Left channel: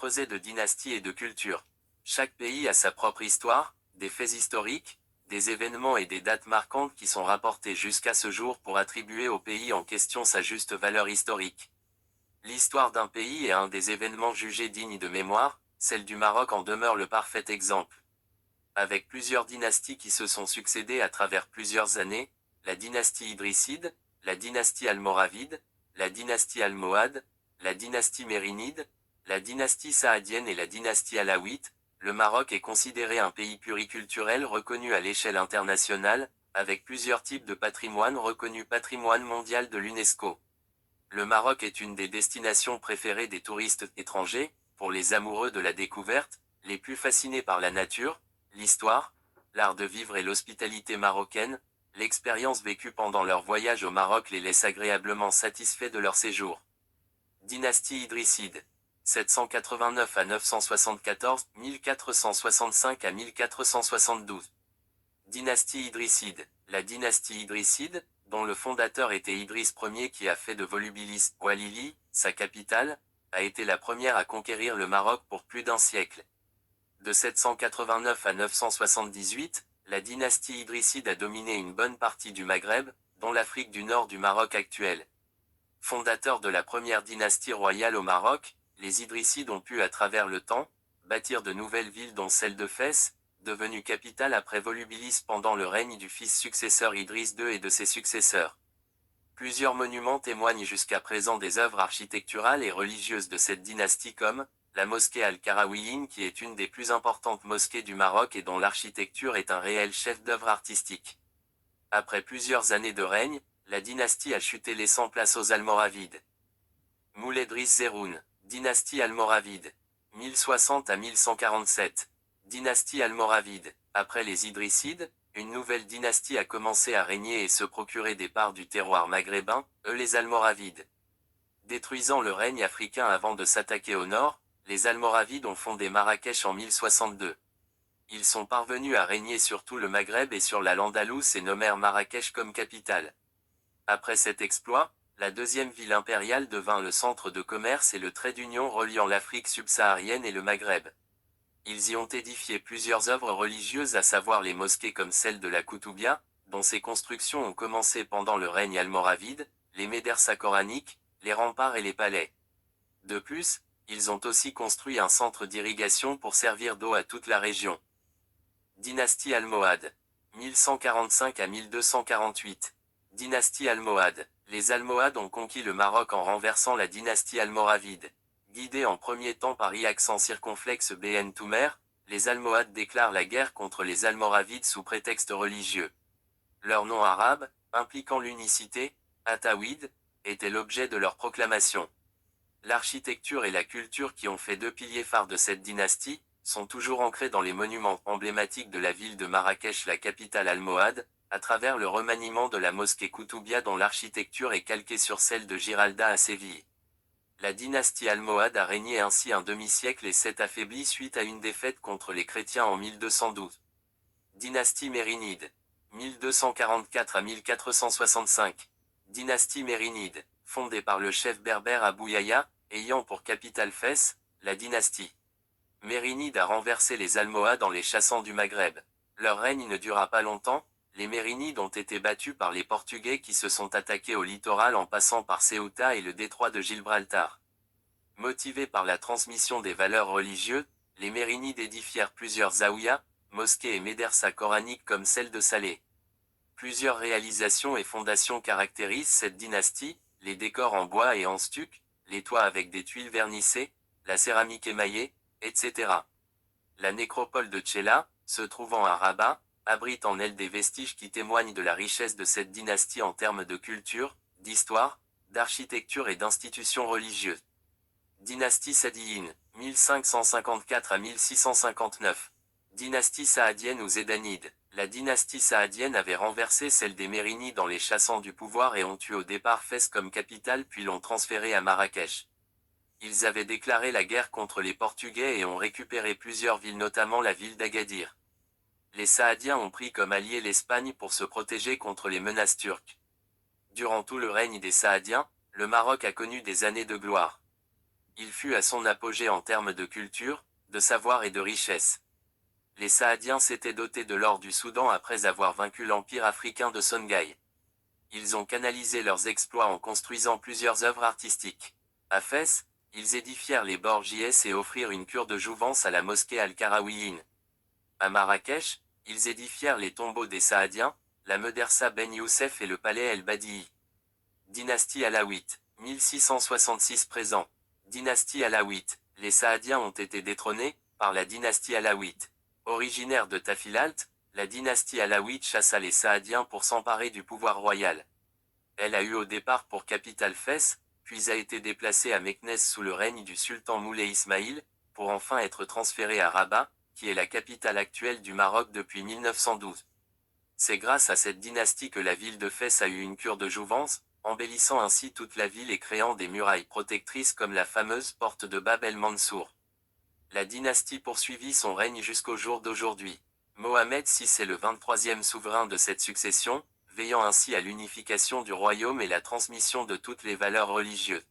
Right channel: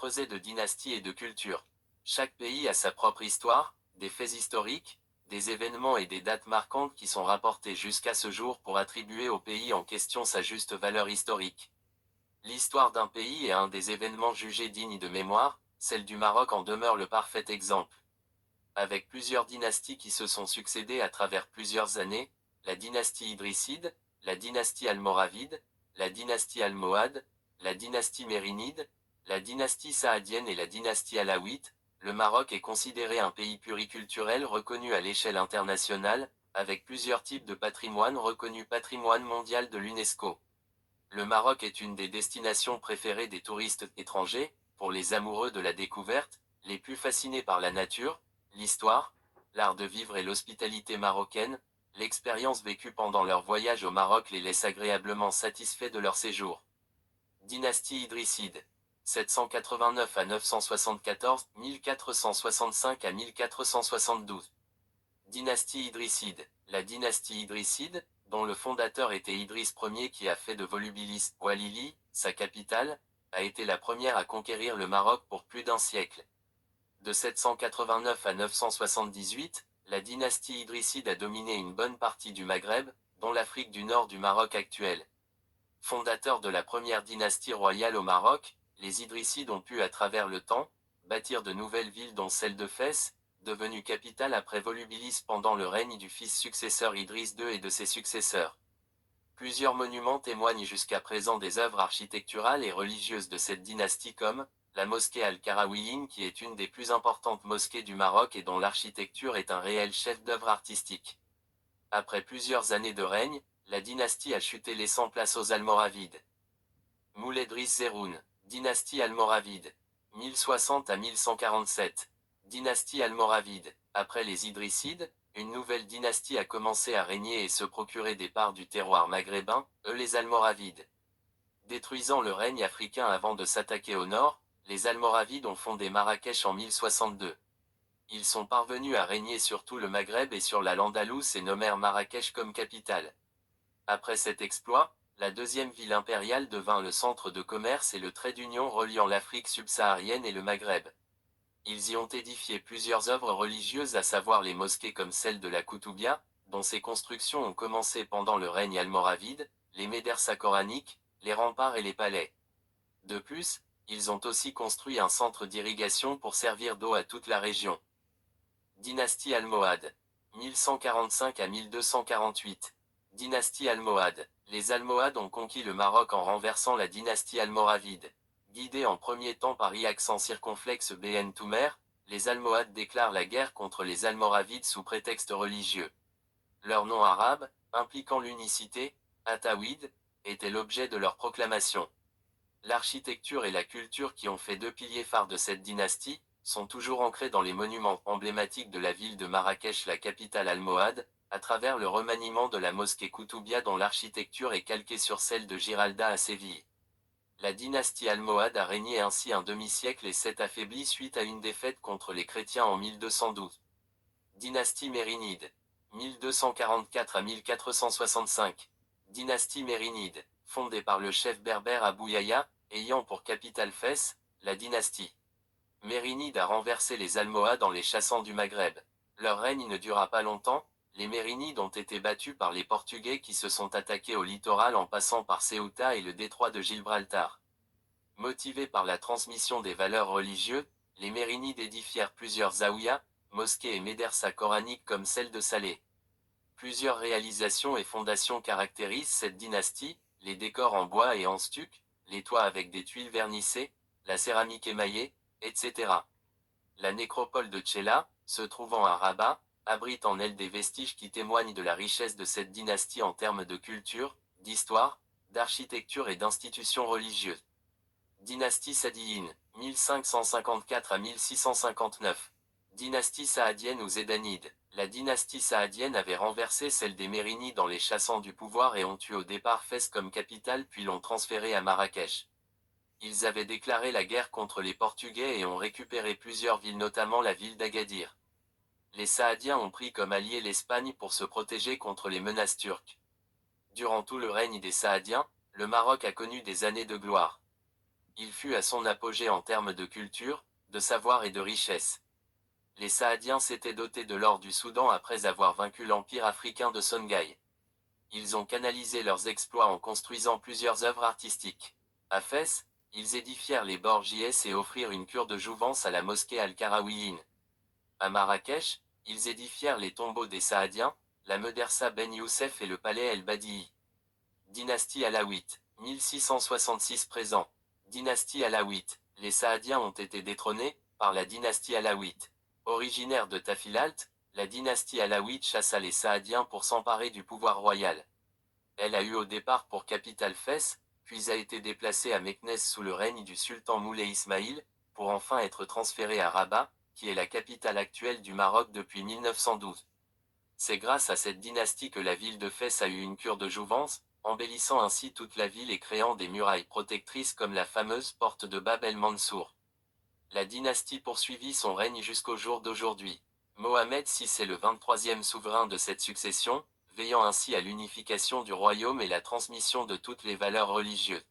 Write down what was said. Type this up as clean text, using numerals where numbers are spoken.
creuset de dynasties et de cultures. Chaque pays a sa propre histoire, des faits historiques, des événements et des dates marquantes qui sont rapportés jusqu'à ce jour pour attribuer au pays en question sa juste valeur historique. L'histoire d'un pays est un des événements jugés dignes de mémoire, celle du Maroc en demeure le parfait exemple. Avec plusieurs dynasties qui se sont succédées à travers plusieurs années, la dynastie idrisside, la dynastie almoravide, la dynastie almohade, la dynastie mérinide, la dynastie saadienne et la dynastie alawite, le Maroc est considéré un pays pluriculturel reconnu à l'échelle internationale, avec plusieurs types de patrimoine reconnu patrimoine mondial de l'UNESCO. Le Maroc est une des destinations préférées des touristes étrangers, pour les amoureux de la découverte, les plus fascinés par la nature, l'histoire, l'art de vivre et l'hospitalité marocaine, l'expérience vécue pendant leur voyage au Maroc les laisse agréablement satisfaits de leur séjour. Dynastie idrisside. 789 à 974, 1465 à 1472. Dynastie idrisside. La dynastie idrisside, dont le fondateur était Idriss Ier qui a fait de Volubilis, Oualili, sa capitale, a été la première à conquérir le Maroc pour plus d'un siècle. De 789 à 978, la dynastie idrisside a dominé une bonne partie du Maghreb, dont l'Afrique du Nord du Maroc actuel. Fondateurs de la première dynastie royale au Maroc, les Idrissides ont pu à travers le temps, bâtir de nouvelles villes dont celle de Fès, devenue capitale après Volubilis pendant le règne du fils successeur Idriss II et de ses successeurs. Plusieurs monuments témoignent jusqu'à présent des œuvres architecturales et religieuses de cette dynastie comme la mosquée Al-Karawiyyin qui est une des plus importantes mosquées du Maroc et dont l'architecture est un réel chef-d'œuvre artistique. Après plusieurs années de règne, la dynastie a chuté laissant place aux Almoravides. Mouledris Zerroun, dynastie almoravide. 1060 à 1147. Dynastie almoravide. Après les Idrissides, une nouvelle dynastie a commencé à régner et se procurer des parts du terroir maghrébin, eux les Almoravides. Détruisant le règne africain avant de s'attaquer au nord, les Almoravides ont fondé Marrakech en 1062. Ils sont parvenus à régner sur tout le Maghreb et sur la l'Andalouse et nommèrent Marrakech comme capitale. Après cet exploit, la deuxième ville impériale devint le centre de commerce et le trait d'union reliant l'Afrique subsaharienne et le Maghreb. Ils y ont édifié plusieurs œuvres religieuses à savoir les mosquées comme celle de la Koutoubia, dont ces constructions ont commencé pendant le règne almoravide, les médersa coraniques, les remparts et les palais. De plus, ils ont aussi construit un centre d'irrigation pour servir d'eau à toute la région. Dynastie almohade. 1145 à 1248. Dynastie almohade. Les Almohades ont conquis le Maroc en renversant la dynastie almoravide. Guidés en premier temps par accent circonflexe Ben Toumer, les Almohades déclarent la guerre contre les Almoravides sous prétexte religieux. Leur nom arabe, impliquant l'unicité, Atawid, était l'objet de leur proclamation. L'architecture et la culture qui ont fait deux piliers phares de cette dynastie, sont toujours ancrés dans les monuments emblématiques de la ville de Marrakech, la capitale almohade, à travers le remaniement de la mosquée Koutoubia dont l'architecture est calquée sur celle de Giralda à Séville. La dynastie almohade a régné ainsi un demi-siècle et s'est affaiblie suite à une défaite contre les chrétiens en 1212. Dynastie mérinide. 1244 à 1465. Dynastie mérinide, fondée par le chef berbère Abou Yahya, ayant pour capitale Fès, la dynastie mérinide a renversé les Almohades en les chassant du Maghreb. Leur règne ne dura pas longtemps, les Mérinides ont été battus par les Portugais qui se sont attaqués au littoral en passant par Ceuta et le détroit de Gibraltar. Motivés par la transmission des valeurs religieuses, les Mérinides édifièrent plusieurs zaouïas, mosquées et médersa coraniques comme celle de Salé. Plusieurs réalisations et fondations caractérisent cette dynastie, les décors en bois et en stuc, les toits avec des tuiles vernissées, la céramique émaillée, etc. La nécropole de Tchela, se trouvant à Rabat, abrite en elle des vestiges qui témoignent de la richesse de cette dynastie en termes de culture, d'histoire, d'architecture et d'institutions religieuses. Dynastie Saadiyine, 1554 à 1659. Dynastie saadienne ou zédanide. La dynastie saadienne avait renversé celle des Mérinides en les chassant du pouvoir et ont eu au départ Fès comme capitale puis l'ont transférée à Marrakech. Ils avaient déclaré la guerre contre les Portugais et ont récupéré plusieurs villes notamment la ville d'Agadir. Les Saadiens ont pris comme allié l'Espagne pour se protéger contre les menaces turques. Durant tout le règne des Saadiens, le Maroc a connu des années de gloire. Il fut à son apogée en termes de culture, de savoir et de richesse. Les Saadiens s'étaient dotés de l'or du Soudan après avoir vaincu l'empire africain de Songhai. Ils ont canalisé leurs exploits en construisant plusieurs œuvres artistiques. À Fès, ils édifièrent les Borgies et offrirent une cure de jouvence à la mosquée Al-Karawiyyin. À Marrakech, ils édifièrent les tombeaux des Saadiens, la Medersa Ben Youssef et le palais El-Badi'i. Dynastie alawite, 1666 présent. Dynastie alawite, les Saadiens ont été détrônés, par la dynastie alawite. Originaire de Tafilalt, la dynastie alawite chassa les Saadiens pour s'emparer du pouvoir royal. Elle a eu au départ pour capitale Fès, puis a été déplacée à Meknès sous le règne du sultan Moulay Ismaïl, pour enfin être transférée à Rabat, qui est la capitale actuelle du Maroc depuis 1912. C'est grâce à cette dynastie que la ville de Fès a eu une cure de jouvence, embellissant ainsi toute la ville et créant des murailles protectrices comme la fameuse porte de Bab el-Mansour. La dynastie poursuivit son règne jusqu'au jour d'aujourd'hui. Mohamed VI est le 23e souverain de cette succession, veillant ainsi à l'unification du royaume et la transmission de toutes les valeurs religieuses.